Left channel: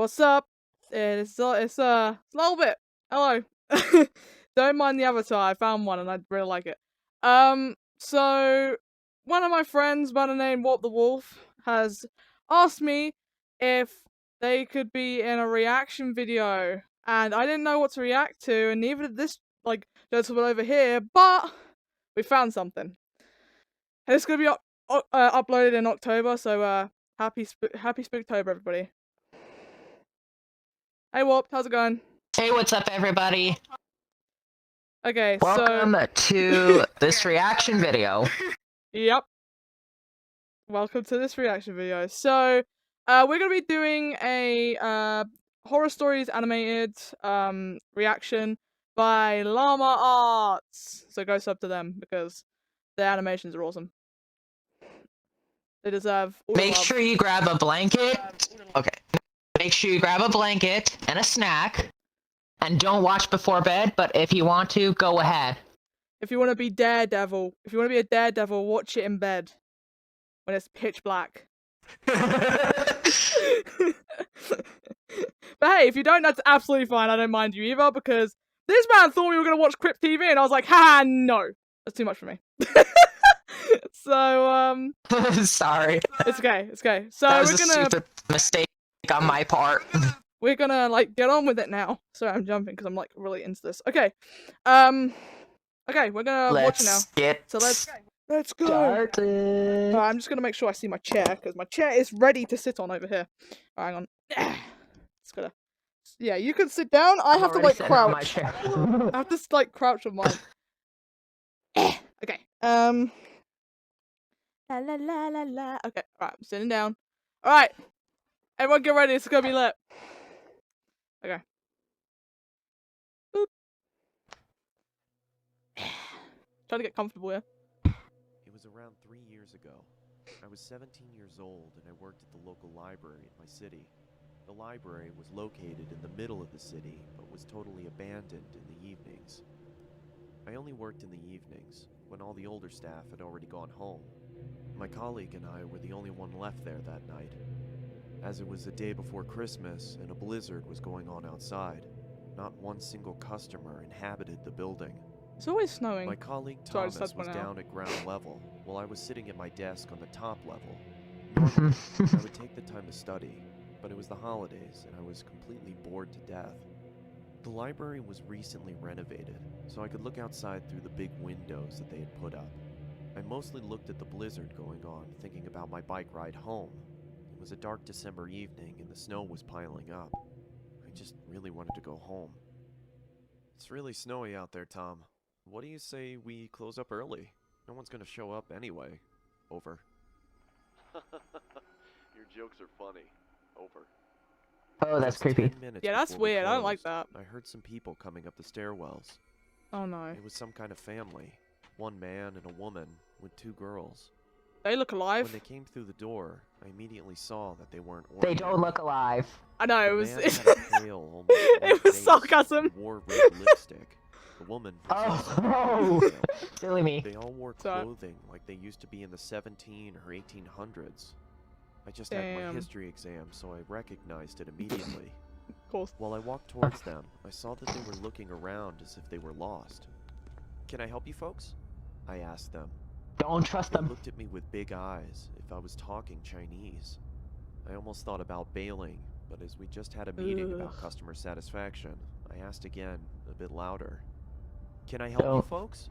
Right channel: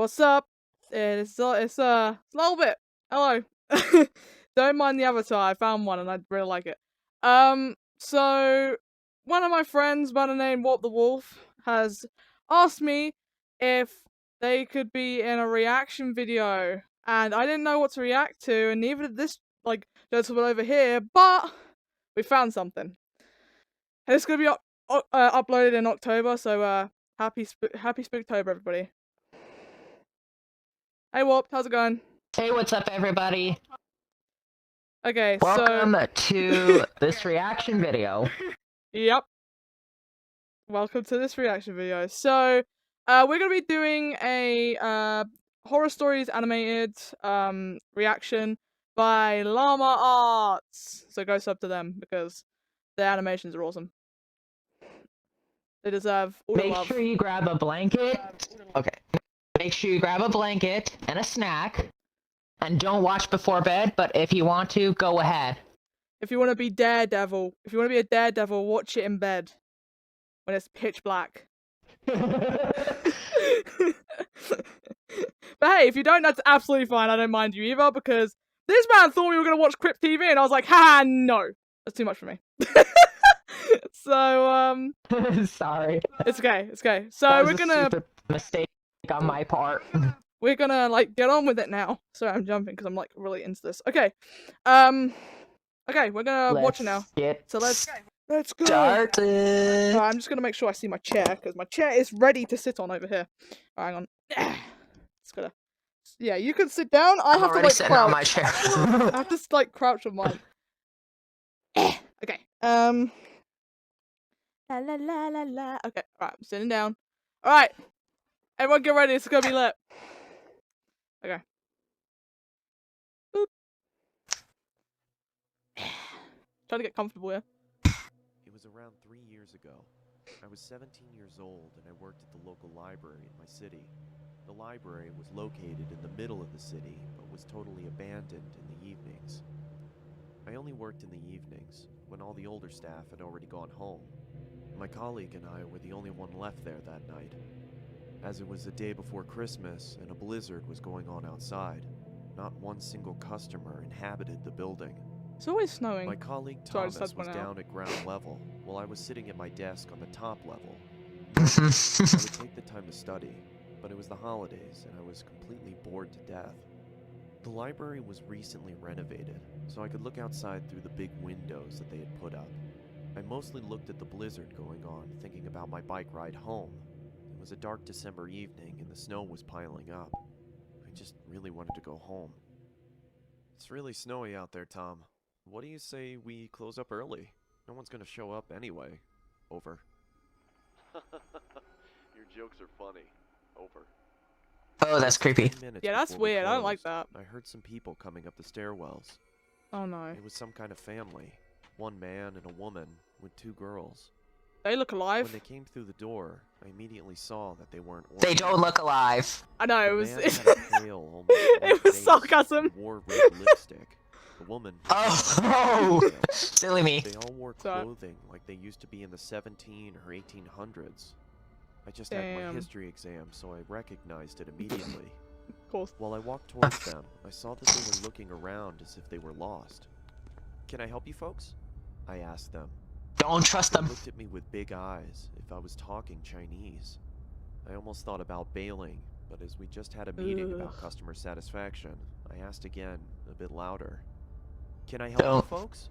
What's up? It's a little bit. Hello. Don't mind the avatar. I found one and I really like it. So one of my friends by the name Walt the Wolf has asked me if they could be in a reaction video, and I didn't know what to react to, and neither did this gentleman over here. But we found something, and it's gonna be uploaded in October. So happy Spooktober, everybody. Hey Warp, how's it going? Hey, what's up, everybody? Okay, Welcome to this reaction video. Yep. Welcome to this reaction video. So, we're gonna be doing a horror stories animated reaction by Lama Arts. So go sub to them because their animations are awesome. They deserve all the love. Make sure you grab a blanket. Okay. Make sure you grab a blanket and a snack. And don't watch before bed, but if you want to, go ahead. If you want to be Daredevil, if you want to be a Daredevil, watch it in bed when it's pitch black. But hey, if you don't, that's absolutely fine. I don't mind you either, because this man thought we were going to watch Crypt TV, and I was like, ha, no. That's too much for me. So, Sorry. It's okay, it's okay. So that was we're gonna... a stupid mistake on my part. We're gonna, get on with it now. Sorry, I'm jumping, because I'm, really into this. Okay. Okay, we're gonna watch it now. So let's go. Started. I'm just gonna make sure I see my chair, because my chair is ready to sit on over here. Hang on. Just gotta... Yeah, you can sit down. I have to, crouch. On my chair. I have to, crouch on mine. Okay. La la la la la. Okay, alright, I'm sitting down. Alright. Everyone get ready, it's gonna be lit. Okay. Boop. Trying to get comfortable here. It was around 3 years ago. I was 17 years old and I worked at the local library in my city. The library was located in the middle of the city, but was totally abandoned in the evenings. I only worked in the evenings, when all the older staff had already gone home. My colleague and I were the only one left there that night. As it was the day before Christmas and a blizzard was going on outside, not one single customer inhabited the building. It's always snowing. My colleague Thomas was down at ground level, while I was sitting at my desk on the top level. Normally, I would take the time to study, but it was the holidays and I was completely bored to death. The library was recently renovated, so I could look outside through the big windows that they had put up. I mostly looked at the blizzard going on, thinking about my bike ride home. It was a dark December evening and the snow was piling up. I just really wanted to go home. It's really snowy out there, Tom. What do you say we close up early? No one's gonna show up anyway. Over. Your jokes are funny. Over. Oh, that's creepy. Yeah, that's weird. I don't like that. I heard some people coming up the stairwells. Oh no. It was some kind of family. One man and a woman with 2 girls. They look alive. When they came through the door, I immediately saw that they weren't ordinary. They don't look alive. I know, it was... Pale, it was sarcasm. Wore red lipstick. The woman... Oh, silly me. They all wore clothing like they used to be in the 17 or 1800s. I just had my history exam, so I recognized it immediately. Of course. While I walked towards them, I saw that they were looking around as if they were lost. Can I help you folks? I asked them. Don't trust them. They looked at me with big eyes, if I was talking Chinese. I almost thought about bailing, but as we just had a meeting about customer satisfaction, I asked again, a bit louder. Can I help you folks?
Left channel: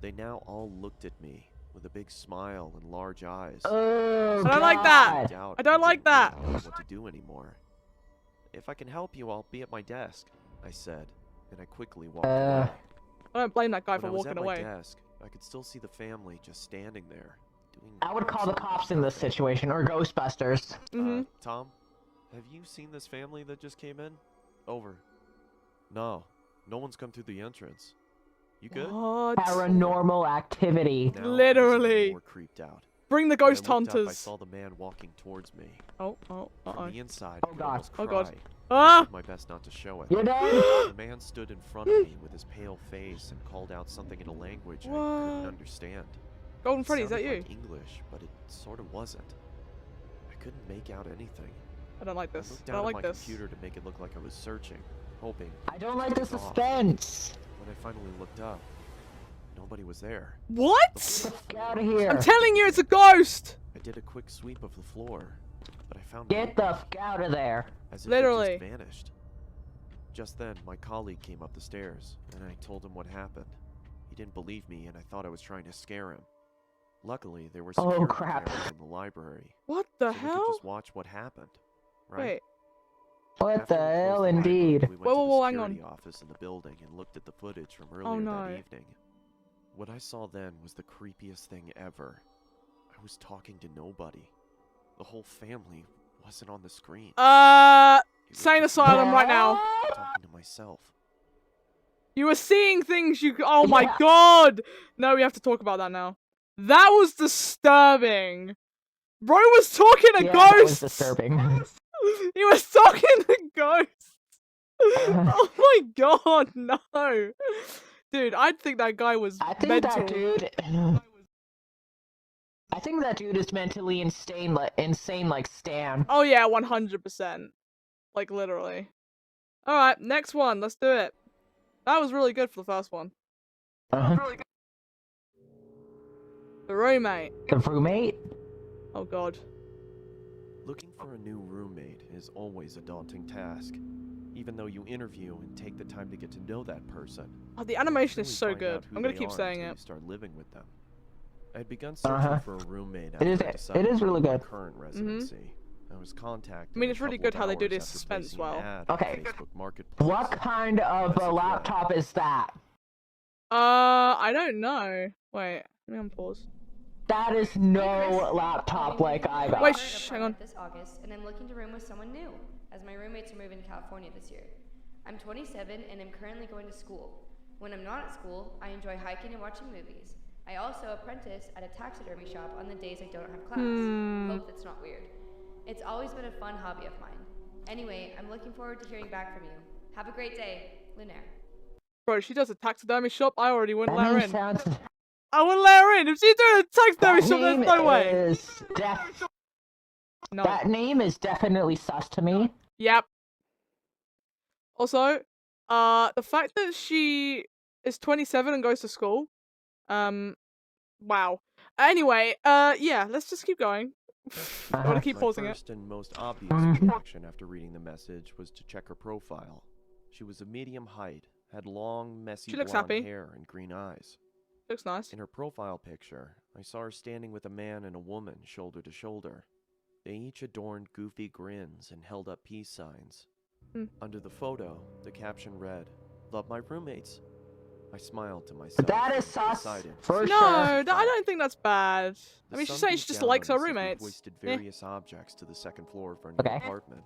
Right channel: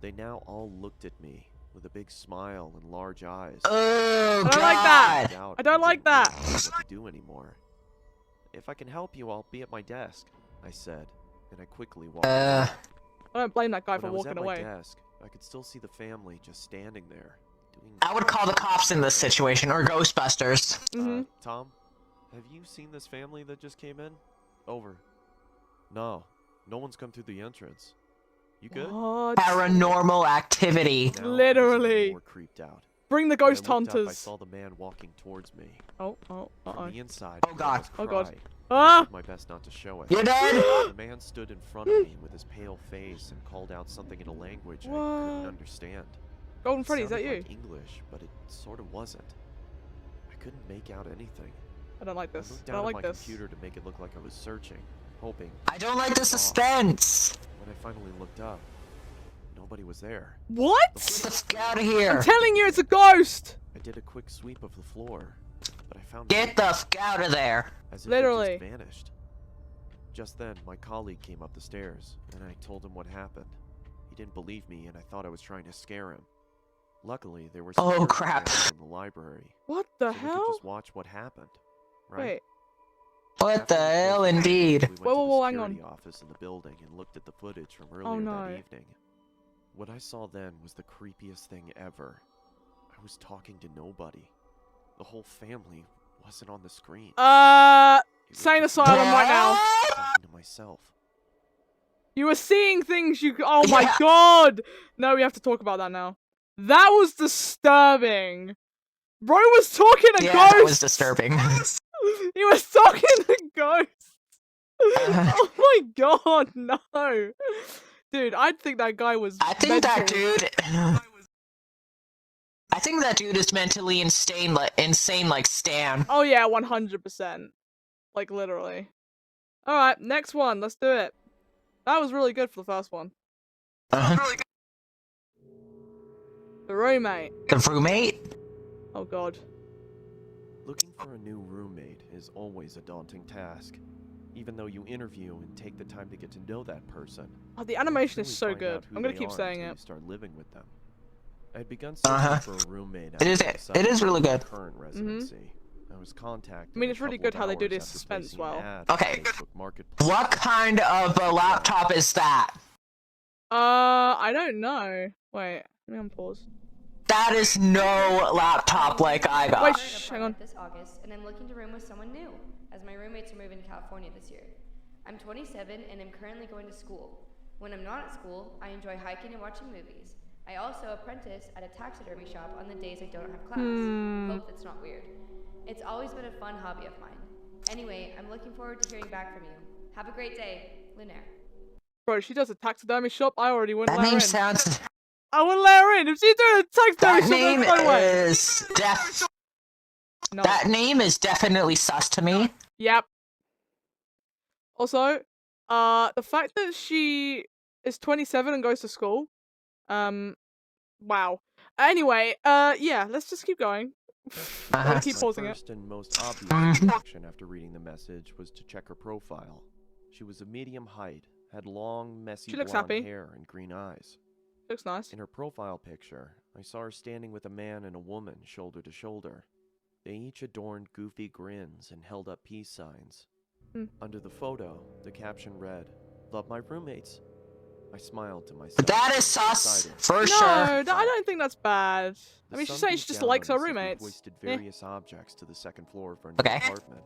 They now all looked at me, with a big smile and large eyes. Oh, I don't like that. I don't like that. I don't know what to do anymore. If I can help you, I'll be at my desk, I said, and I quickly walked away. I don't blame that guy for when walking I was away. at my desk, I could still see the family just standing there. I would call the cops in this situation, or Ghostbusters. Tom, have you seen this family that just came in? Over. No, no one's come through the entrance. You good? What? Paranormal activity. Now Literally. more creeped out. Bring the ghost When I looked hunters. up, I saw the man walking towards me. From the inside, Oh god. Oh god. I did my best not to show it. You're dead. The man stood in front of me with his pale face and called out something in a language I couldn't understand. Golden Freddy, is that sounded you? like English, but it sort of wasn't. I couldn't make out anything. I don't like I this. looked I down don't at like my this. computer to make it look like I was searching, hoping. I don't like the it's off. suspense. When I finally looked up, nobody was there. What? Let's get out of here. I'm telling you, it's a ghost! I did a quick sweep of the floor, but I found Get the nothing, f out of there. as if Literally. it just vanished. Just then, my colleague came up the stairs, and I told him what happened. He didn't believe me, and I thought I was trying to scare him. Luckily, there were security crap. cameras in the library, What the so we could hell? just watch what happened. Right? Wait. What After the we closed hell, the library, indeed. We went Whoa, to whoa, the hang on. security office in the building and looked at the footage from earlier Oh, no. that evening. What I saw then was the creepiest thing ever. I was talking to nobody. The whole family wasn't on the screen. It was Sane just asylum me right now. talking to myself. You were seeing things you. Oh my Yeah. god! No, we have to talk about that now. That was disturbing. Bro was talking to Yeah, ghosts. that was disturbing. He was talking to ghosts. Oh my god, no. Dude, I'd think that guy was I think mental. that dude. I think that dude is mentally insane, like Stan. Oh yeah, 100%. Like literally. All right, next one. Let's do it. That was really good for the first one. Uh-huh. The roommate. The roommate? Oh god. Looking for a new roommate is always a daunting task. Even though you interview and take the time to get to know that person. Oh, the you don't animation is really so find good. out who I'm gonna they keep are saying until it. You start living with them. I had begun searching Uh-huh. for a roommate It after is- I decided it is to really leave my good. current residency. I was contacted. I mean, it's a really couple good of how they do hours this after suspense placing an well. ad on Okay. Facebook Marketplace. What kind of a laptop is that? I don't know. Wait, let me unpause. That is no laptop like I got. Wait, shh, hang on. This August, and I'm looking to room with someone new, as my roommates are moving to California this year. I'm 27 and I'm currently going to school. When I'm not at school, I enjoy hiking and watching movies. I also apprentice at a taxidermy shop on the days I don't have class. Hope that's not weird. It's always been a fun hobby of mine. Anyway, I'm looking forward to hearing back from you. Have a great day, Lunaire. Bro, she does a taxidermy shop. I already wouldn't That let her name in. sounds. I wouldn't let her in. If she's doing a taxidermy That shop, name there's no way. is No. That name is definitely sus to me. Yep. Also, the fact that she is 27 and goes to school, wow. Anyway, yeah, let's just keep going. I want to keep My pausing it. first and most obvious reaction after reading the message was to check her profile. She was a medium height, had long, messy She looks blonde happy. hair and green eyes. Looks nice. In her profile picture, I saw her standing with a man and a woman shoulder to shoulder. They each adorned goofy grins and held up peace signs. Under the photo, the caption read, "Love my roommates." I smiled to myself. That and is sus decided. for No, sure. I don't think that's bad. The I mean, she's sun saying beat she just down likes on her us as we roommates. hoisted Eh. various objects to the second floor of our new Okay. apartment.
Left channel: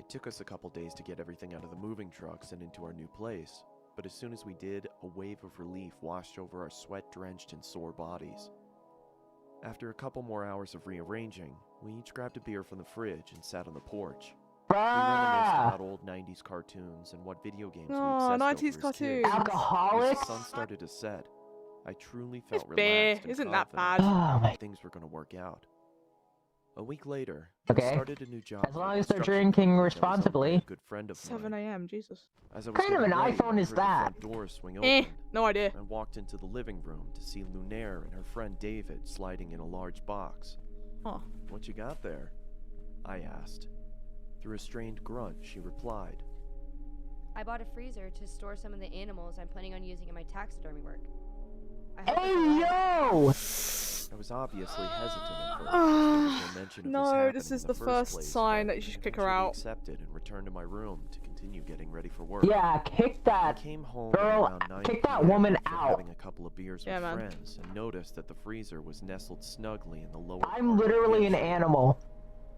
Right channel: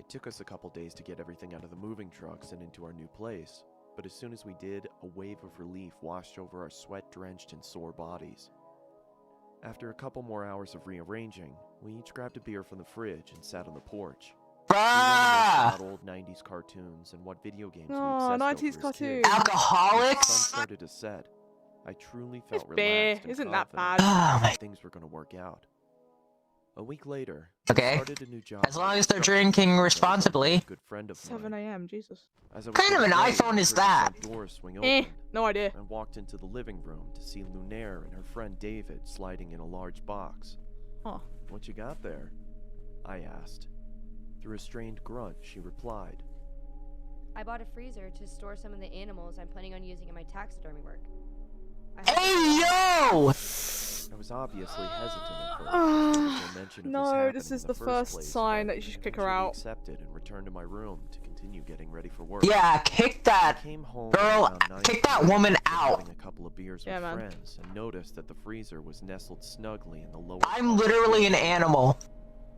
It took us a couple days to get everything out of the moving trucks and into our new place, but as soon as we did, a wave of relief washed over our sweat-drenched and sore bodies. After a couple more hours of rearranging, we each grabbed a beer from the fridge and sat on the porch. We reminisced Bruh! about old 90s cartoons and what video games we Aw, obsessed 90s over as kids. cartoons. As the sun Alcoholics? started to set, I truly It's felt beer. relaxed and Isn't that confident bad? Oh my. that things were going to work out. A week later, Okay. I started a new job. As at a long as they're construction drinking company that was owned by responsibly. a good friend of 7 mine. a.m. Jesus. As I was What kind of getting an ready, iPhone I is heard that? the front door swing open. No idea. I walked into the living room to see Lunaire and her friend David sliding in a large box. Huh. "What you got there?" I asked. Through a strained grunt, she replied. I bought a freezer to store some of the animals I'm planning on using in my taxidermy work. I hope Hey it's allowed. yo! I was obviously hesitant at first. There was no mention of No, happening this in is the the first place, sign but that you should I kick her eventually out. accepted and returned to my room to continue getting ready for work. Yeah, kick I that. came home Girl, at around 9 kick that p.m. woman after out. having a couple of beers Yeah, with man. friends and noticed that the freezer was nestled snugly in the lower I'm part of the literally an kitchen. animal.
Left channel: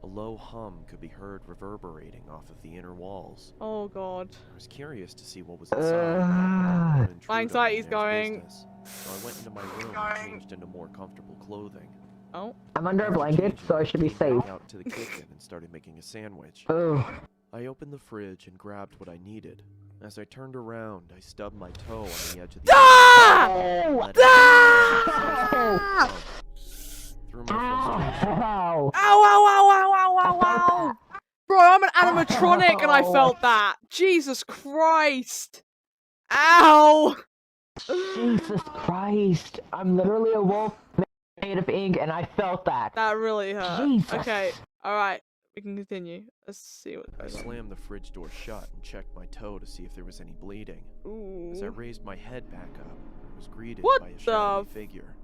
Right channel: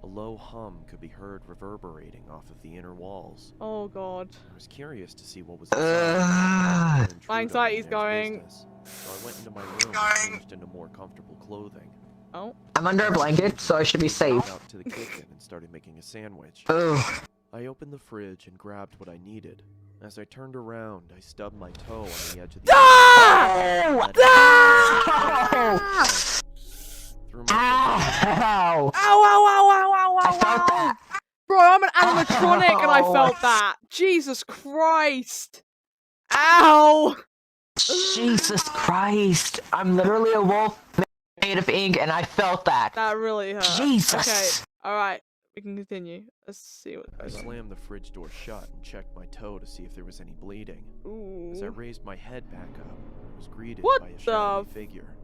A low hum could be heard reverberating off of the inner walls. Oh god. I was curious to see what was inside. but I didn't Ugh. want to intrude My on anxiety's Lunaire's going. business, so I went into my room and changed into more comfortable clothing. Oh. I'm under a After blanket, changing, so I should be came back safe. out to the kitchen and started making a sandwich. Ugh. I opened the fridge and grabbed what I needed. As I turned around, I stubbed my toe on the edge of the Ah! and let it Ah! through my Ow! Ow, ow, ow, ow, ow, ow, ow! Bro, Bro, I'm an animatronic and I Ow. felt that. Jesus Christ. Ow. Jesus Christ. I'm literally a wolf made of ink and I felt that. That really hurt. Jesus. Okay, alright. We can continue. Let's see what I goes on. slammed the fridge door shut and checked my toe to see if there was any bleeding. As I Ooh. raised my head back up, I was greeted What by a the shadowy figure.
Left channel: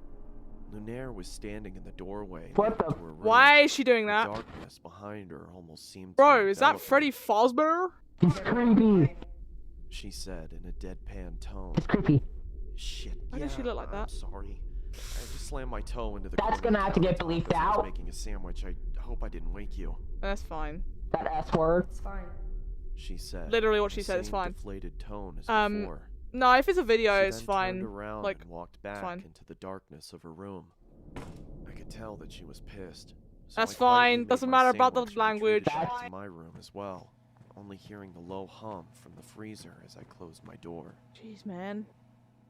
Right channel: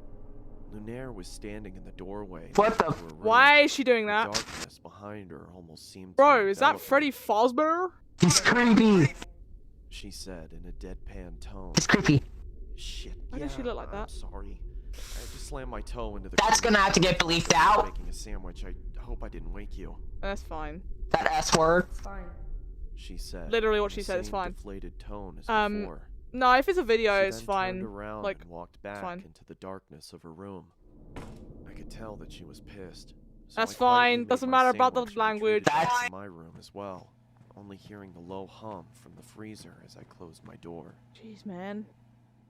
Lunaire was standing in the doorway. What the- leading to her room. Why is she doing The that? darkness behind her almost seemed to Bro, is that envelop her. Freddy Fazbear? He's creepy. She said in a deadpan tone. He's creepy. Shit. Why does she look like I'm that? sorry. I just slammed my toe into the. That's corner gonna have to get countertop bleeped as I was out. Making a sandwich. I hope I didn't wake you. That's fine. That S word. It's fine. She said. Literally what in she the said is same fine. Deflated tone as Um, before. No, if it's a video, She it's then fine. Turned around Like, and walked back fine. into the darkness of her room. I could tell that she was pissed. So That's I quietly fine. made Doesn't my matter about the sandwich and language. retreated back to my room as well, only hearing the low hum from the freezer as I closed my door. Jeez, man.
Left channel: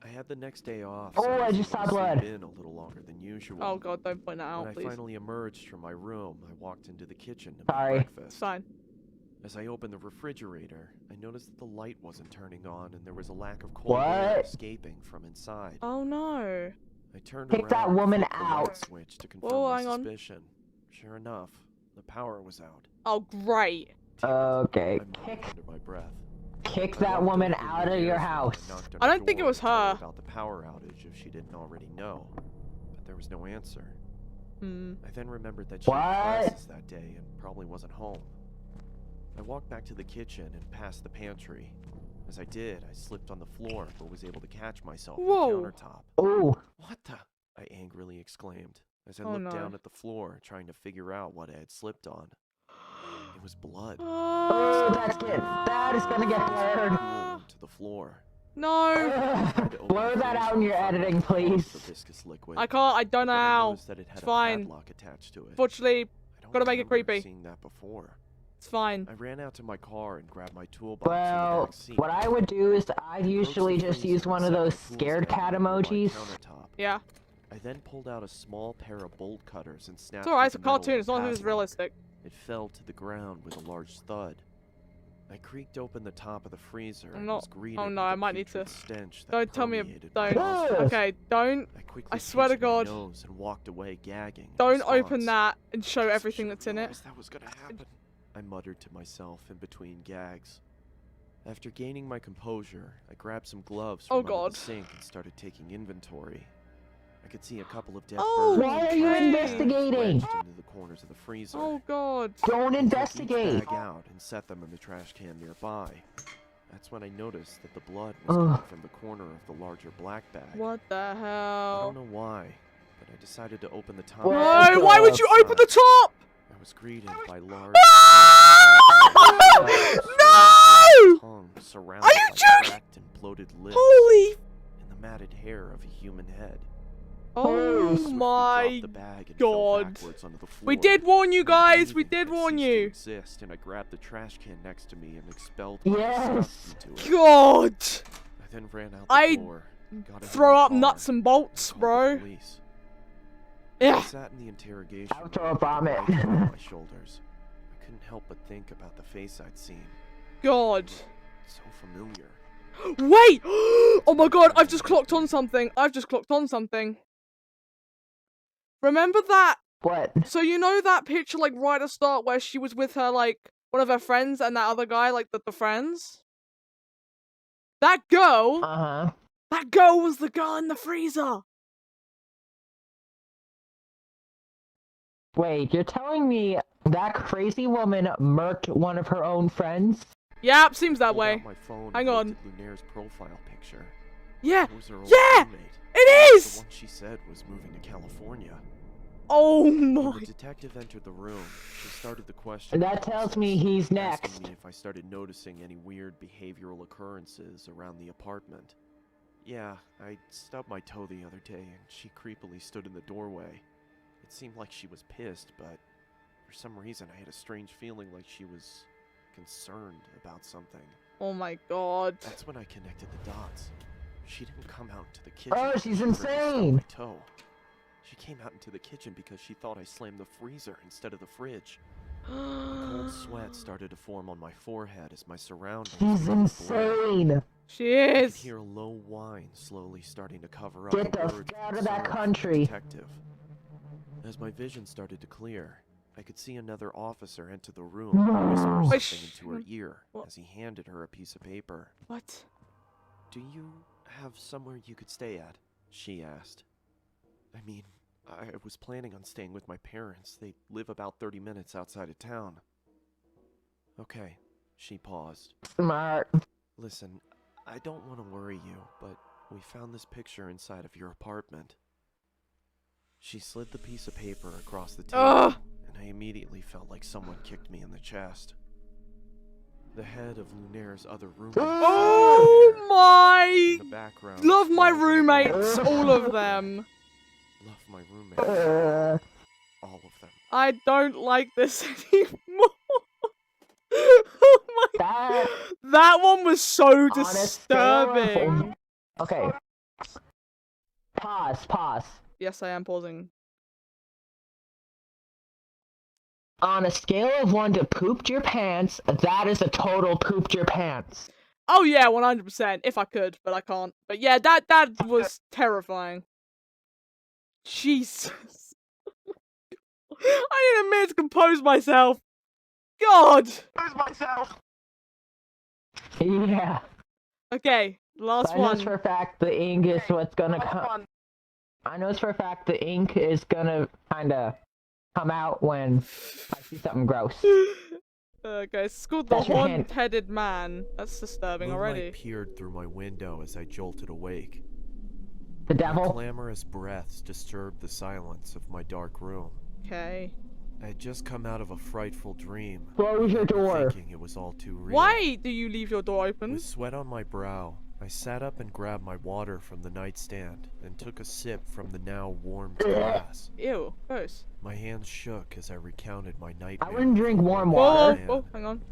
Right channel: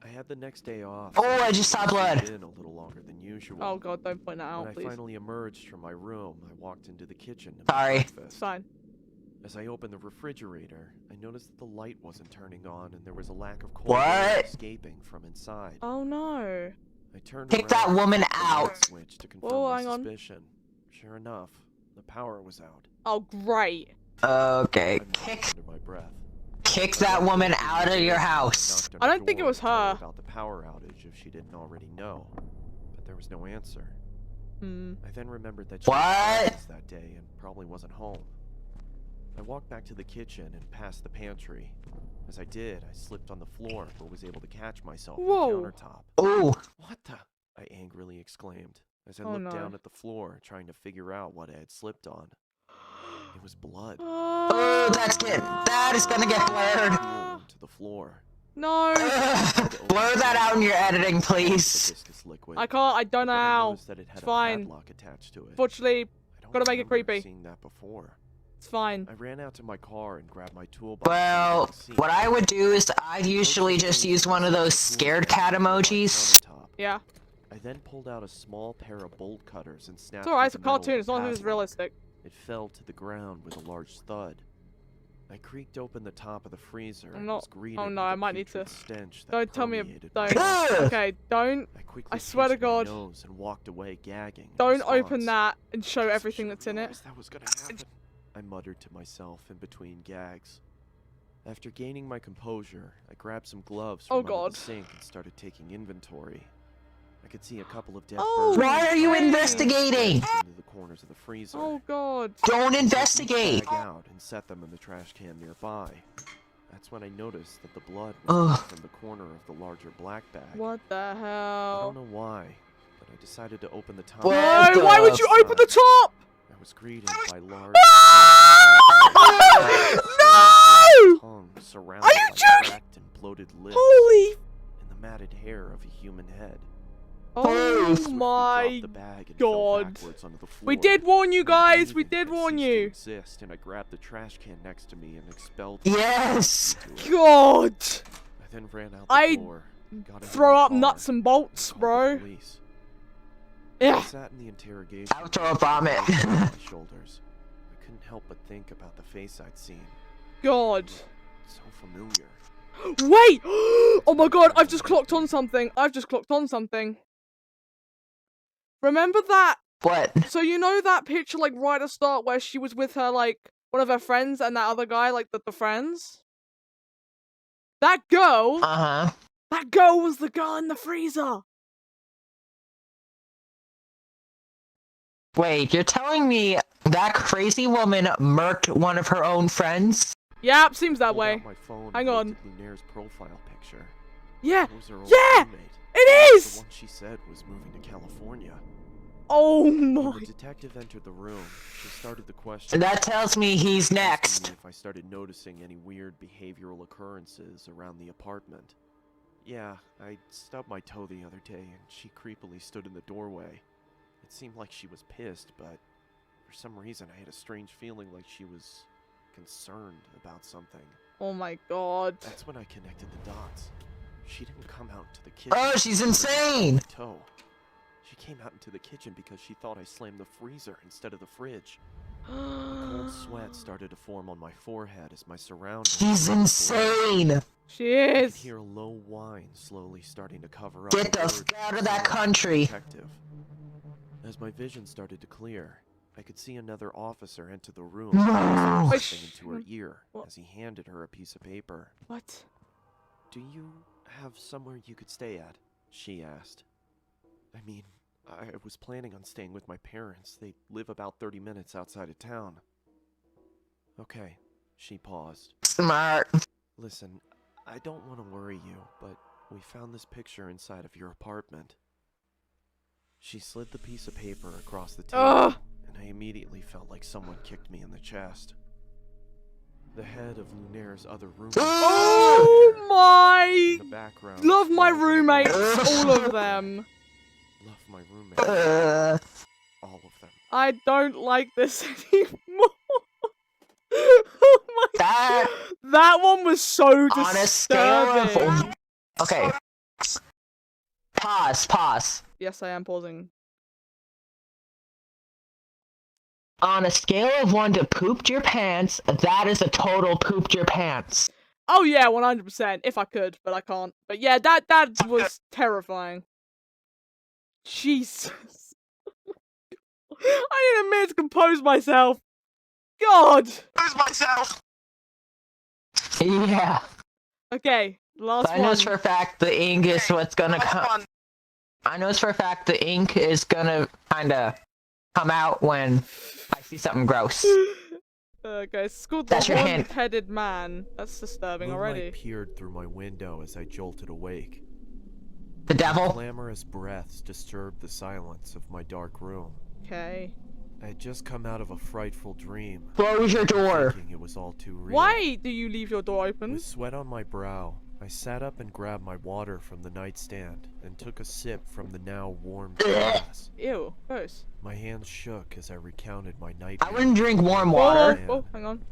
I had the next day off. Oh, so I was just able saw to sleep blood. in a little longer than usual. Oh god, don't point that When out, I please. finally emerged from my room, I walked into the kitchen to make Sorry. It's breakfast. fine. As I opened the refrigerator, I noticed that the light wasn't turning on and there was a lack of cold air What? escaping from inside. Oh no. I turned Kick around that and woman flipped the light out. switch to confirm Whoa, my hang on. suspicion. Sure enough, the power was out. Oh great. Okay. I muttered Kick under my breath. kick I that walked woman over to out of Lunair's your room and house. knocked on I her don't think it door was to tell her her. about the power outage if she didn't already know, but there was no answer. Hmm. I then remembered that she What? had classes that day and probably wasn't home. I walked back to the kitchen and past the pantry. As I did, I slipped on the floor but was able to catch myself on Whoa. the countertop. Ooh. What the? I angrily exclaimed as I Oh, looked no. down at the floor, trying to figure out what I had slipped on. It was blood. Oh, that's good. That is gonna get blurred. Pool into the floor. No. Blur that out in your editing, The please. viscous liquid. I can't, I don't know But then I how. noticed that it had It's a fine. padlock attached to it. Fortunately, I don't gotta make it remember creepy. seeing that before. it's fine. I ran out to my car and grabbed my toolbox. from the Well, back seat. what I would do is I'd usually just use one of those scared cat emojis. Yeah. I then pulled out a small pair of bolt cutters and snapped. It's alright, it's a through the metal of cartoon, the as long as it's padlock. realistic. It fell to the ground with a large thud. I creaked open the top of the freezer I'm and not- was greeted oh no, with I a might need putrid to- stench that Don't tell me, permeated don't. my nostrils. Okay, don't. I quickly I swear to pinched my God. nose and walked away gagging. in Don't open response. that and show Guess I everything should've that's in it. realized That was gonna happen. I muttered to myself in between gags. After gaining my composure, I grabbed some gloves from Oh, under God. the sink and started taking inventory. I could see a couple of dead Oh, birds. Why are you and investigating? wedged into the corners of the freezer. Oh god. Don't I took each investigate. bag out and set them in the trash can nearby. That's when I noticed that the blood was coming Ugh. from the corner of the larger black bag. What the I don't hell? know why, but I decided to open the top. What No, the why would you open the top? I was greeted by large. No! Tongue surrounded Are you by joking? cracked and bloated lips Holy. and the matted hair of a human head. Oh Swiftly my. dropped the bag and fell God. backwards onto the floor. We did warn you My guys. We breathing did had warn ceased to you. exist, and I grabbed the trash can next to me and expelled Yes. into it. God. I then ran out the I door, got into Throw my up car, nuts and bolts, called the bro. police. I Yeah. sat in the interrogation I'll throw room a with the vomit. blanket on my shoulders. I couldn't help but think about the face I'd seen. God. So familiar. Wait! Oh my god, I've just clocked on something. I've just clocked on something. Remember that? What? So you know that picture, like, right at the start where she was with her, like, one of her friends and that other guy, like, the friends? That girl, Uh-huh. that girl was the girl in the freezer. Wait, you're telling me that crazy woman murked one of her own friends? Yep, seems that Pulled way. out my phone Hang and on. looked at Lunaire's profile picture. Yeah, It was her old yeah, roommate. it The is! one she said was moving to California. Oh When my. the detective entered the room, she started the question. That tells me he's asking next. me if I started noticing any weird behavioral occurrences around the apartment. Yeah, I stubbed my toe the other day and she creepily stood in the doorway. It seemed like she was pissed, but for some reason I had a strange feeling like she was concerned about something. Oh my god. That's when I connected the dots. She didn't come out into the kitchen. Oh, she's because I stubbed insane. my toe. She came out into the kitchen because she thought I slammed the freezer instead of the fridge. A cold sweat started to form on my forehead as my surroundings. He's began to blur. insane. She I could is. hear a low whine slowly starting to cover up Get the the words fuck out of and that sounds the country. detective. As my vision started to clear, I could see another officer enter the room and whisper something into her ear What? as he handed her a piece of paper. What? Do you have somewhere you could stay at? She asked. I mean, I was planning on staying with my parents. They live about 30 minutes outside of town. Okay, she paused. Smart. Listen, I don't want to worry you, but we found this picture inside of your apartment. She slid the piece of paper across the table, Ugh. and I immediately felt like someone kicked me in the chest. The head of Lunaire's other roommate. Oh In the my! background, Love my sprawled in a roommates, ball. all of them. Love my roommates, all of them. I don't like this anymore. Oh my! That That one was so on a scale of disturbing. okay. Pause. Yes, I am pausing. On a scale of 1 to pooped your pants, that is a total pooped your pants. Oh yeah, 100%. If I could, but I can't. But yeah, that was terrifying. Jesus. I need a minute to compose myself. God. Yeah. Okay, last I know one. for a fact the ink is what's gonna come. I know for a fact the ink is gonna kinda come out when I see something gross. Okay, it's called The That's your hint. Horned-Headed Man. That's disturbing Moonlight already. peered through my window as I jolted awake. The devil? Clamorous breaths disturbed the silence of my dark room. Okay. I had just come out of a frightful dream. Close your door. Thinking it was all too real. Why do you leave your door open? With sweat on my brow, I sat up and grabbed my water from the nightstand and took a sip from the now warmed glass. Ew, gross. My hands shook as I recounted my I nightmare. wouldn't drink warm Whoa, water. whoa, hang on.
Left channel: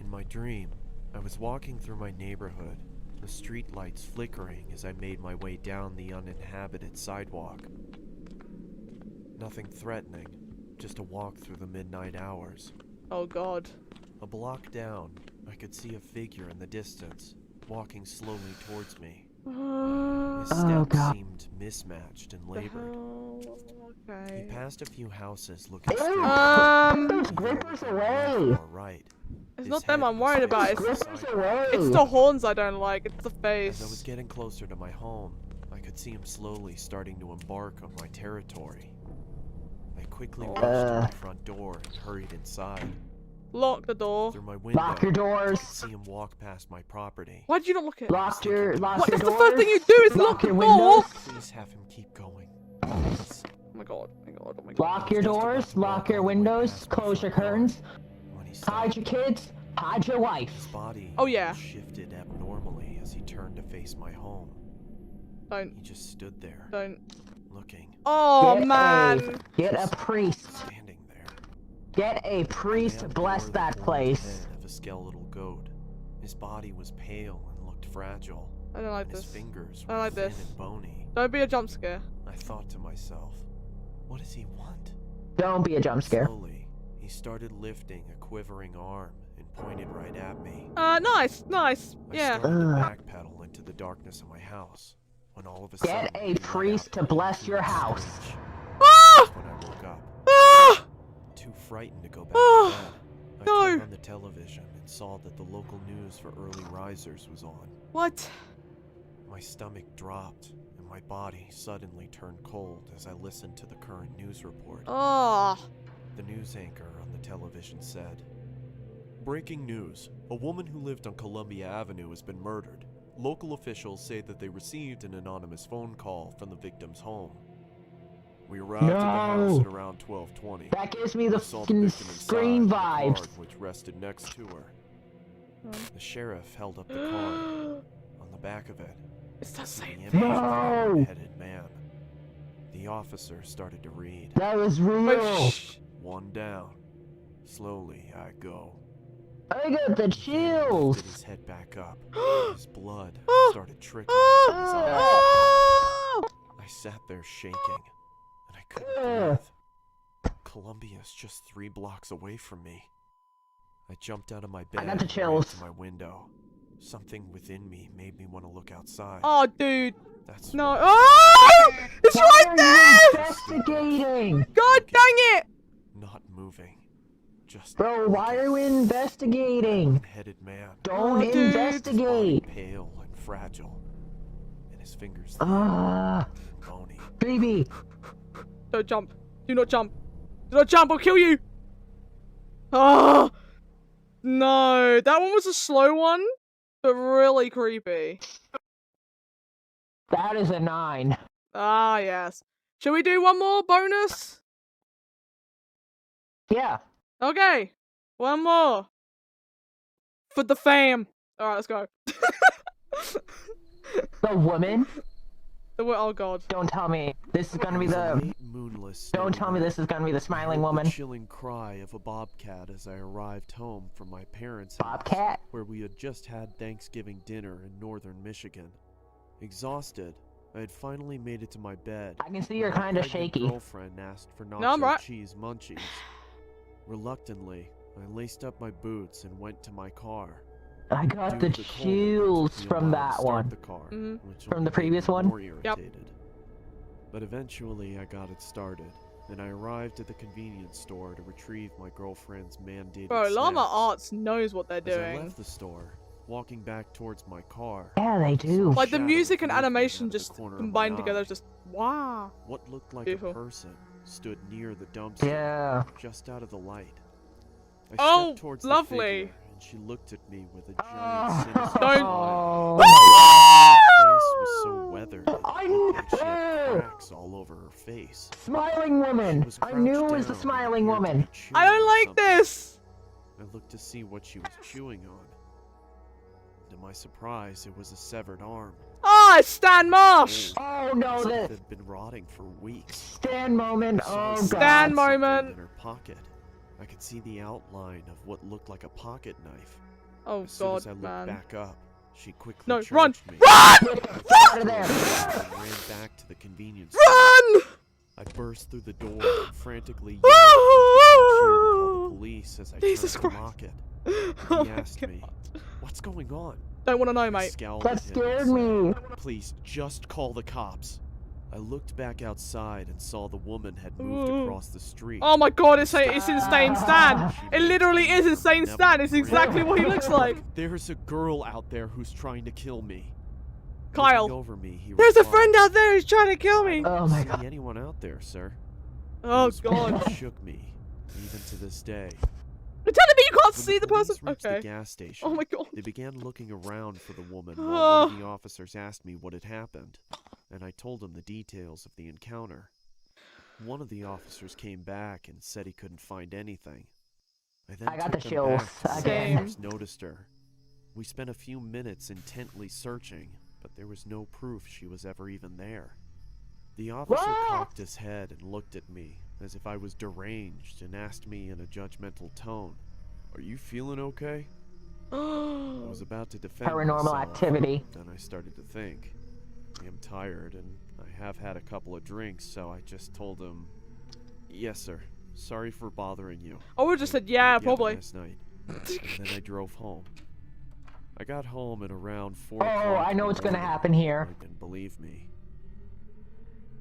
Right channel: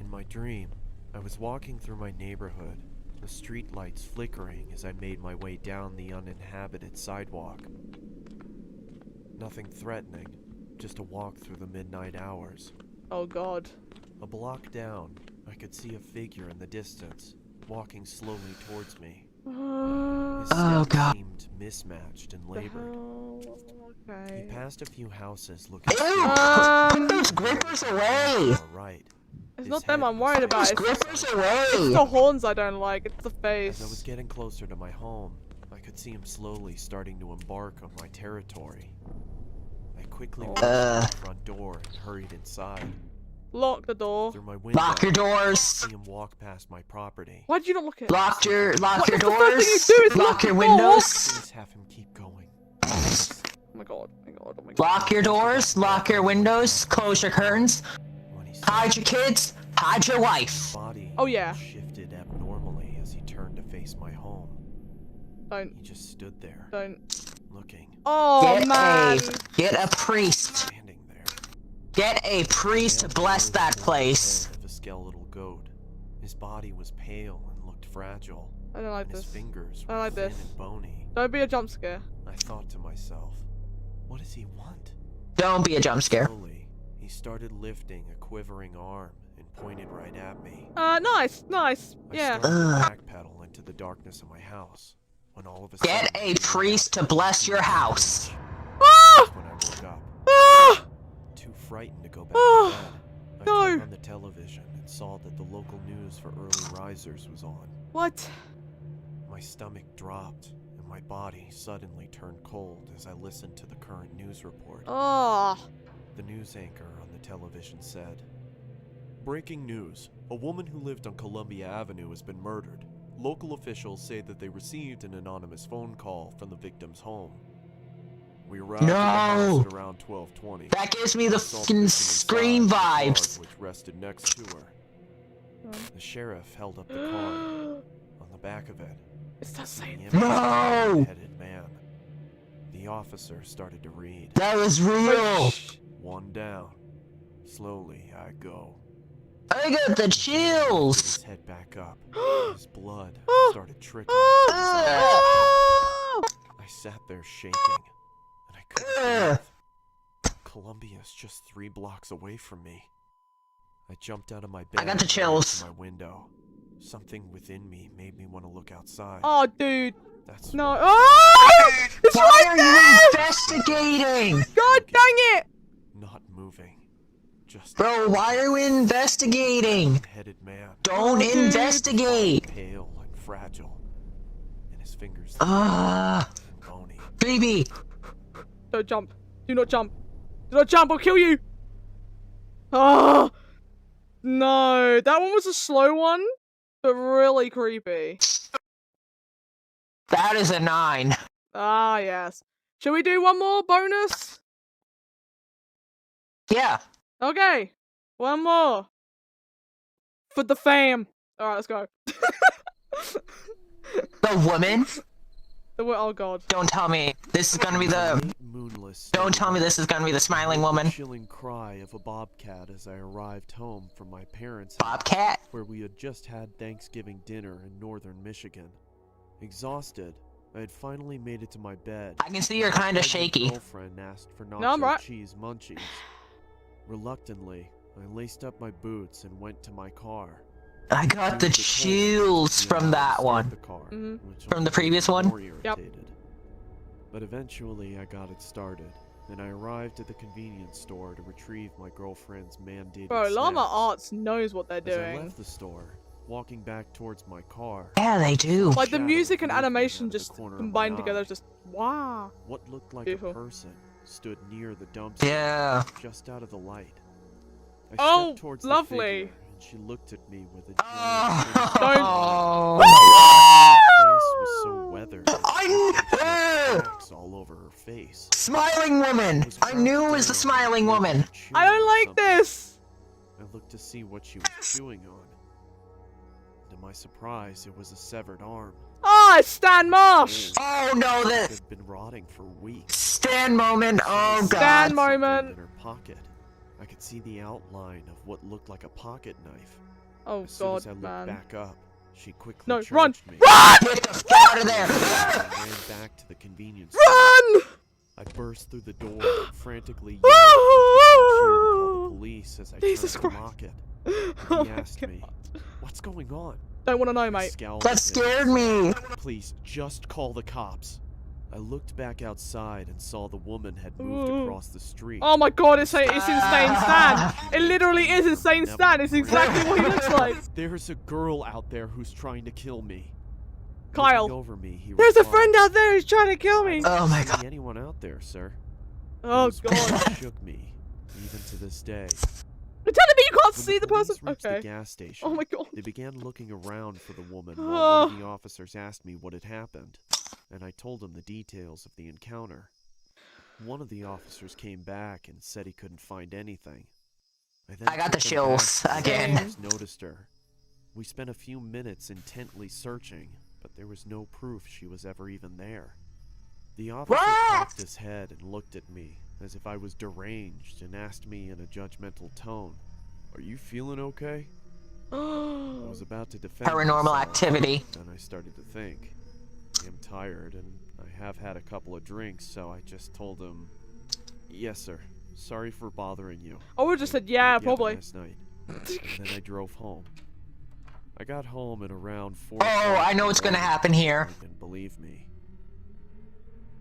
In my dream, I was walking through my neighborhood, the street lights flickering as I made my way down the uninhabited sidewalk. Nothing threatening, just a walk through the midnight hours. Oh god. A block down, I could see a figure in the distance, walking slowly towards me. His Oh, steps God. seemed mismatched and The labored. hell? He Okay. passed a few houses looking Ew, straight put those at me, grippers looking left away. or right. It's His not them head I'm was worried fixed about. to It's, the Grippers sidewalk. away. it's the horns I don't like. It's the As I was face. getting closer to my home, I could see him slowly starting to embark on my territory. I quickly rushed to the front door and hurried inside. Lock the door. Through my window, Lock your I could doors. see him walk past my property. Why did you not lock it? Lock your What? doors. That's the first thing you do is lock your the door. windows. Please have him keep going. Oh my god, oh my god, oh my god. Lock your doors. Lock your windows. Close your curtains. When he saw Hide your kids. Hide your his wife. body Oh, yeah. shifted abnormally as he turned to face my home. Don't, He just stood there, don't. looking, Oh Get man. Get a priest. standing there. Get a priest to Man bless bore the that horned place. head of a skeletal goat. His body was pale and looked fragile, I don't like and his this. fingers I were like thin this. and bony. Don't be a jump scare. I thought to myself, what does he want? Don't be a jump scare. Slowly, he started lifting a quivering arm and pointed right at me. Nice, nice. I Yeah. started to Ugh. backpedal into the darkness of my house, when all of a Get sudden a he let priest out to bless a your huge house. screech. Ah! That's when I woke up, Ah! too frightened to go back Ah! to bed. I No. turned on the television and saw that the local news for early risers was on. What? My stomach dropped, and my body suddenly turned cold as I listened to the current news report. Oh. The news anchor on the television said, "Breaking news. A woman who lived on Columbia Avenue has been murdered. Local officials say that they received an anonymous phone call from the victim's home. We arrived at the house No. at around 12:20. That gives me the We saw the fucking victim Scream inside in the vibes. card which rested next to her. Um. The sheriff held up the card. On the back of it, It's that the same image thing. of a No. horned-headed man. The officer started to read. That was real. Wait, shh. One down. Slowly I go. I got the He lifted chills. his head back up. His blood Ah! started trickling from his eyes. Oh! I sat there shaking, and I couldn't Ugh. breathe. Columbia's just 3 blocks away from me. I jumped out of my bed got the and ran chills. to my window. Something within me made me want to look outside. Oh, dude. That's No. why Oh! It's Why right are there! you investigating? God dang it! not moving. Just Bro, why are we investigating? headed man. Don't Oh, dude. Body investigate. pale and fragile. And his fingers Ah, and bony. baby. Don't jump. Do not jump. Do not jump, I'll kill you! Oh! No. That one was a slow one, but really creepy. That is a 9. Ah, yes. Shall we do one more bonus? Yeah. Okay. One more. For the fam. Alright, let's go. The woman? Oh, God. Don't tell me this is gonna be It was a the. late, moonless Don't snowy tell me night. this is gonna be the smiling I heard woman. the chilling cry of a bobcat as I arrived home from my parents' house, Bobcat? where we had just had Thanksgiving dinner in northern Michigan. Exhausted, I had finally made it to my bed. I can see when you're my kinda pregnant shaky. Girlfriend asked for nacho No, I'm right. cheese munchies. Reluctantly, I laced up my boots and went to my car. I got Due the to cold, chills we allowed from to that start one. the car, Mhm. which From only the made previous me one? more irritated. But eventually I got it started, and I arrived at the convenience store to retrieve my girlfriend's mandated Bro, Lama snacks. Arts knows what they're As I doing. left the store, walking back towards my car, Yeah, they I do. saw a Like, the shadow music and moving out animation of the just corner of combined my together eye. is just, wow. What looked like Beautiful. a person stood near the dumpster, Yeah. just out of the light. I Oh, stepped towards lovely. the figure, and she looked at me with a giant Ah. sinister Don't- smile. Oh. Her face was so weathered, it I looked like she knew- had cracks all over her face. Smiling woman. She was I knew it was the crouched down smiling and appeared to woman. be chewing I don't on like something. this! I looked to see what she was chewing on. To my surprise, it was a severed arm. Ah, it's Stan Marsh! Oh no, As if it the had been rotting for weeks. stand moment. I saw her Oh grab Stand god. something moment. in her pocket. I could see the outline of what looked like a pocket knife. Oh, As soon God, as I looked man. back up, she quickly No, charged run! me. Run! Get the fuck out of there. And ran back to the convenience store. Run! I burst through the door and frantically yelled towards the cashier to call the police as I Jesus turned to Christ. lock it. Oh He my asked God. me, "What's going on?" Don't want to know, I mate. scowled That at him scared and me. said, "Please, just call the cops." I looked back outside and saw the woman had moved Ooh. across the street. Oh my God, it's Insane Stan! She It literally is maintained her Insane Stan! It's benevolent exactly what he looks like! There's a girl out there who's trying to kill me. Kyle. Looking over me, he There's a replied, friend out there who's trying to kill "I me! don't Oh my see God. anyone out there, sir." Oh Those God. words shook me, even to this day. You're telling me you can't When see the person? police reached Okay. the gas station, Oh my God. they began looking around for the woman while one of Oh. the officers asked me what had happened, and I told him the details of the encounter. One of the officers came back and said he couldn't find anything. I then I got took the them chills back to where again. the officers noticed her. We spent a few minutes intently searching, but there was no proof she was ever even there. The officer What? cocked his head and looked at me as if I was deranged and asked me in a judgmental tone, "Are you feeling okay?" I was about to defend Paranormal myself, activity. then I started to think. I am tired and I have had a couple of drinks, so I just told him, "Yes, sir. Sorry for bothering you. I would've just I said, yeah, hope you have a probably. nice night." And then I drove home. I got home at around 4 Oh, o'clock. I in know the what's gonna morning. happen here. I didn't believe me.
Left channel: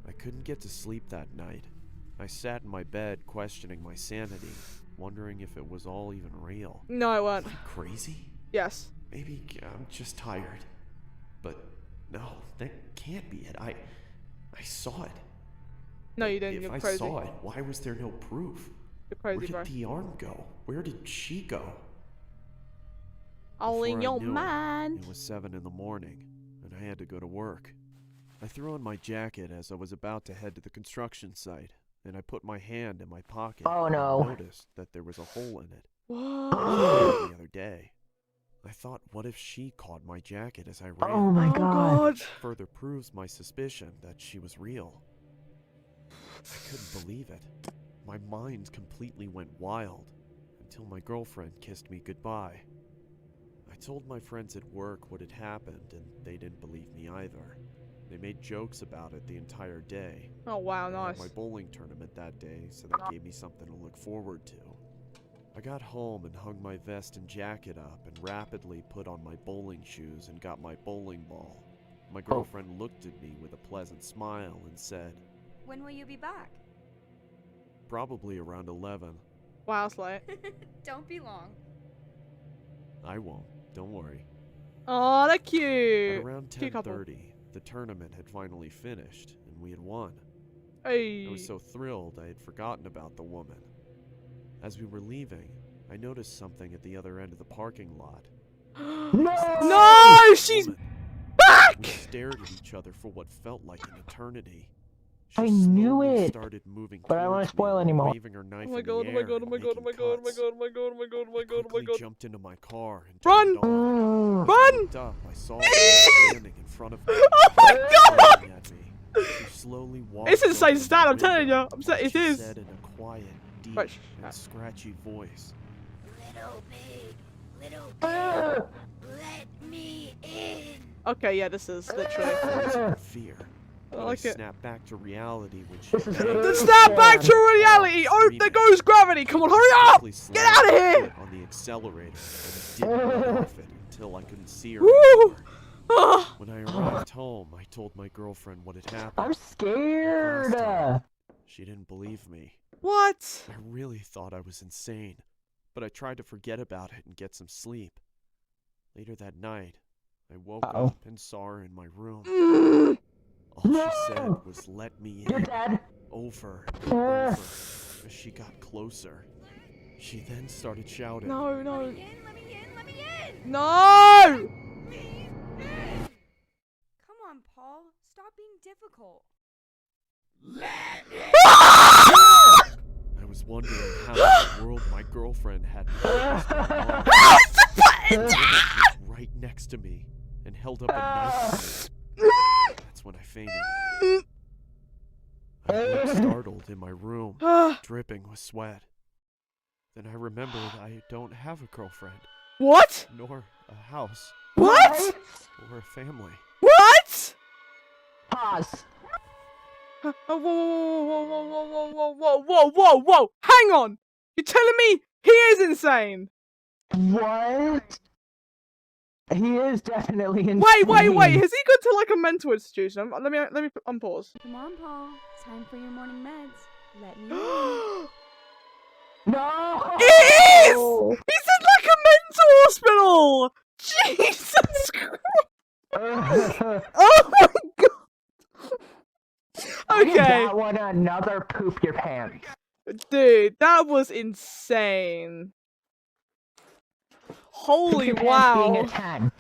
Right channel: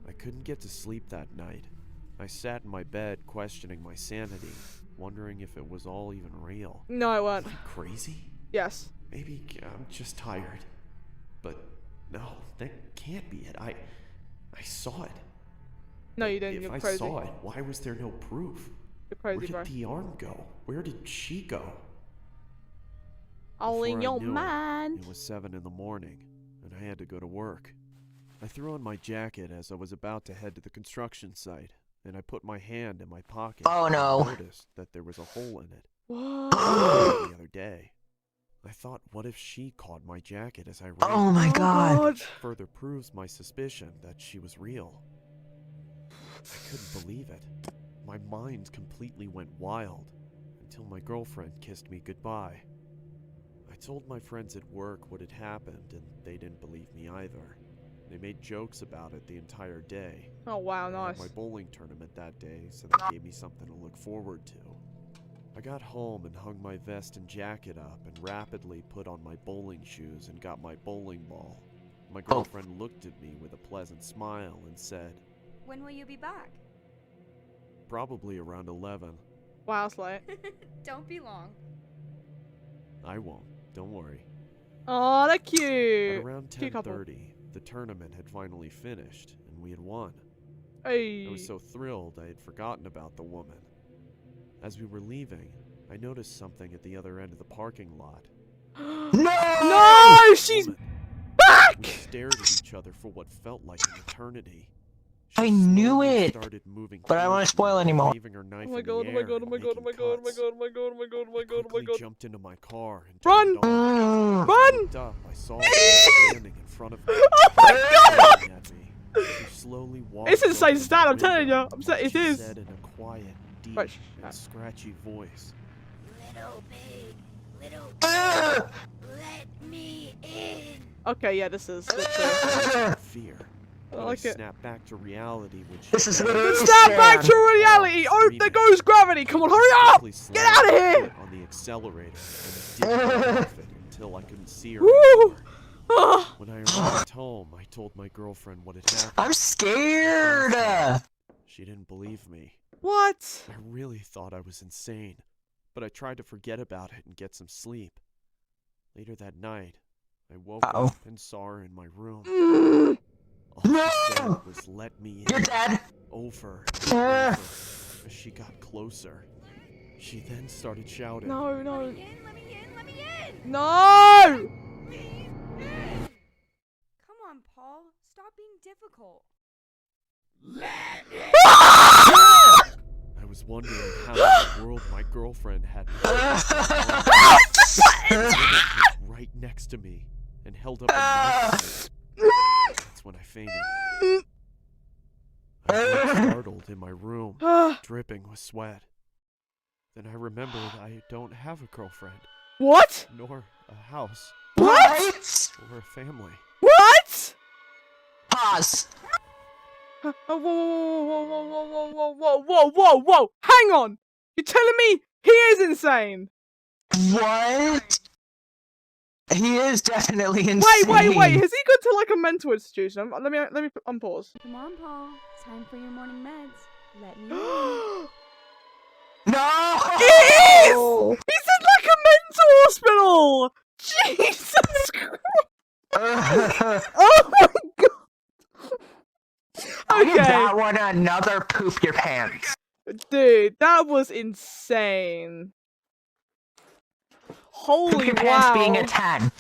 I couldn't get to sleep that night. I sat in my bed questioning my sanity, wondering if it was all even real. No, it weren't. Am I crazy? Yes. Maybe I'm just tired. But no, that can't be it. I saw it. No, you didn't. If You're I crazy. saw it, why was there no proof? You're Where crazy, did bro. the arm go? Where did she go? All in Before I your knew it, mind. It was 7 in the morning, and I had to go to work. I threw on my jacket as I was about to head to the construction site, and I put my hand in my pocket Oh, and no. noticed that there was a hole in it. Whoa. The other day. I thought, what if she caught my jacket as I ran? Oh my Oh god. God. Further proves my suspicion that she was real. I couldn't believe it. My mind completely went wild until my girlfriend kissed me goodbye. I told my friends at work what had happened, and they didn't believe me either. They made jokes about it the entire day. Oh wow, I had nice. my bowling tournament that day, so that gave me something to look forward to. I got home and hung my vest and jacket up and rapidly put on my bowling shoes and got my bowling ball. My girlfriend looked at me with a pleasant smile and said, When will you be back? probably around 11. Wow, it's late. Don't be long. I won't, don't worry. Oh, they're At cute. around Cute couple. 10:30, the tournament had finally finished and we had won. Hey. I was so thrilled I had forgotten about the woman. As we were leaving, I noticed something at the other end of the parking lot. No, she's Woman. back! We stared at each other for what felt like an eternity. I knew slowly it, started moving but I don't wanna towards me spoil while anymore. waving her knife Oh my in god, the oh my air god, oh and my god, oh my making god, oh my cuts. god, oh my god, oh my god, oh my god, oh my I god, oh my quickly god. jumped into my car and Run! turned on. As I Run! looked up, I saw her standing in front of me. Oh my god! staring at me. She slowly walked It's insane over to stat, the I'm telling window, you. I'm saying it she is. said in a quiet, deep, Right, and scratchy voice, Little pig, let me in. Okay, yeah, this is literally. frozen in fear. I But like it. snapped back to reality when she This is banged literally her Snap head back to on the reality! wall, Oh, there screaming. goes gravity! Come on, hurry up! Quickly Get slammed out of my here! foot on the accelerator and didn't get off it until I couldn't see her Woo! anymore. Ah, When I arrived home, I told my girlfriend what had happened. I'm scared. She didn't believe me. what? I really thought I was insane, but I tried to forget about it and get some sleep. Later that night, I woke Uh-oh. up and saw her in my room. Mm. All she No! said was, "Let me You're in," dead. over and over as she got closer. She then started shouting, No, no, Let me in, let me in, let me in. no! Me in. Come on, Paul. Stop being difficult. I was wondering how in the world my girlfriend had what was going on. The woman was right next to me and held up a knife to me. That's when I fainted. I looked startled in my room, dripping with sweat. Then I remembered I don't have a girlfriend, What? nor a house, What? or a family. What? Pause. Whoa, whoa, whoa, whoa, whoa, whoa, whoa, whoa, whoa, whoa! Hang on! You're telling me he is insane? What? He is definitely insane. Wait! Has he gone to like a mental institution? Let me unpause. Come on, Paul. Time for your morning meds. Let me in. No! It is! He's in like a mental hospital! Jesus Christ! Oh my god! Okay, That one another poop your pants. dude, that was insane. Holy Poop your pants being wow. a 10.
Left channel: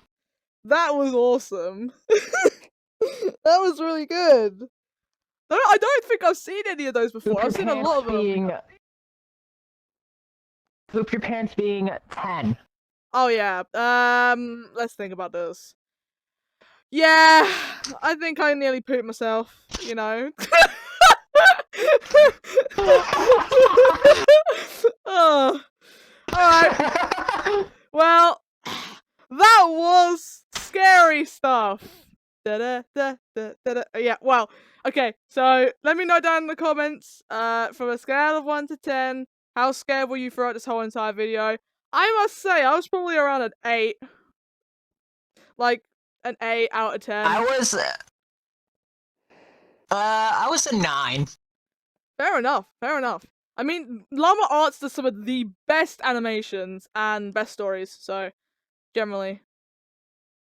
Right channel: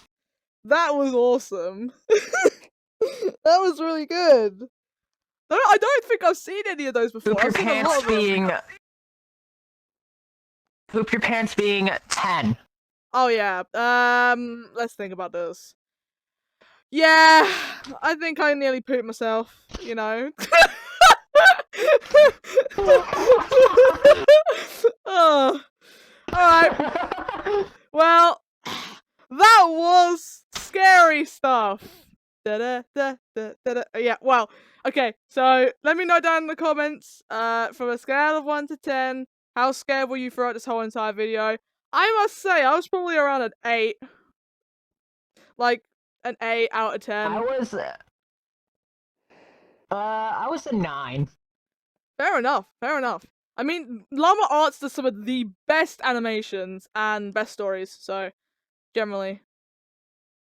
That was awesome. That was really good. I don't think I've seen any of those before. Poop your I've seen a lot pants of them. being... Poop your pants being 10. Oh yeah. Let's think about this. Yeah, I think I nearly pooped myself, you know. Oh. Alright. Well, that was scary stuff. Yeah, well, okay, so let me know down in the comments, from a scale of 1 to 10, how scared were you throughout this whole entire video? I must say, I was probably around an 8. Like, an 8 out of 10. I was a 9. Fair enough, fair enough. I mean, Lama Arts does some of the best animations and best stories, so generally,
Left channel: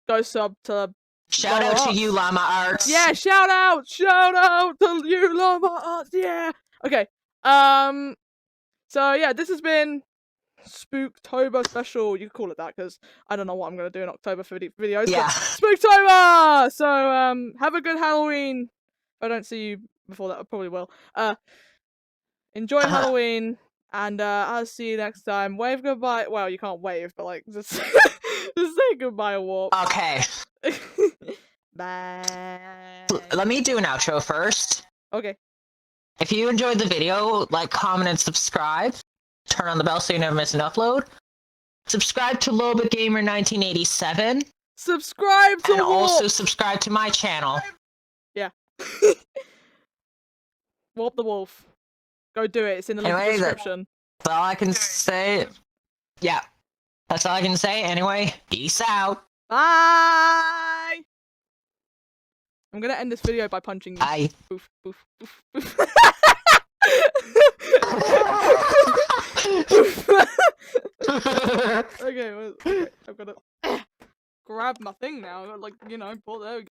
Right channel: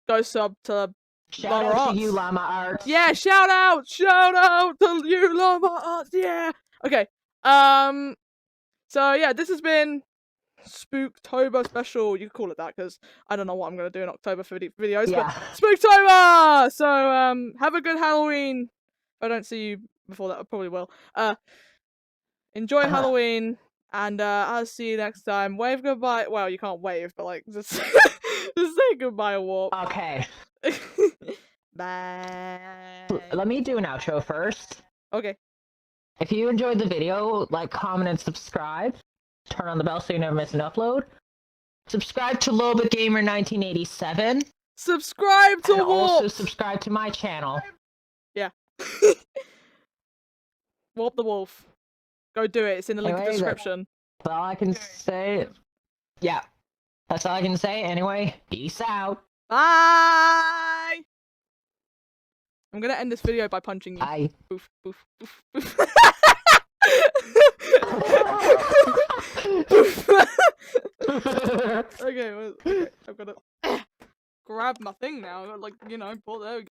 go sub to Shout Lama out Arts. to you, Lama Arts. Yeah, shout out to you, Lama Arts, yeah! Okay, so yeah, this has been Spooktober special. You can call it that, because I don't know what I'm going to do in October for videos, Yeah. but Spooktober! So, have a good Halloween. If I don't see you before that, I probably will. Enjoy Halloween, and I'll see you next time. Wave goodbye. Well, you can't wave, but like, just, just say goodbye or walk. Okay. Bye. Let me do an outro first. Okay. If you enjoyed the video, like, comment, and subscribe. Turn on the bell so you never miss an upload. Subscribe to Lobit Gamer 1987. Subscribe to And walk. also subscribe to my channel. Warp the wolf. Go do it. It's in the link in the Anyway, description. That's all I can say. Yeah, that's all I can say. Anyway, peace out. Bye! I'm gonna end this video by punching you. Bye. Boof, boof, boof, boof. Okay, well, okay, I've gotta grab my thing now. Like, you know, there we go.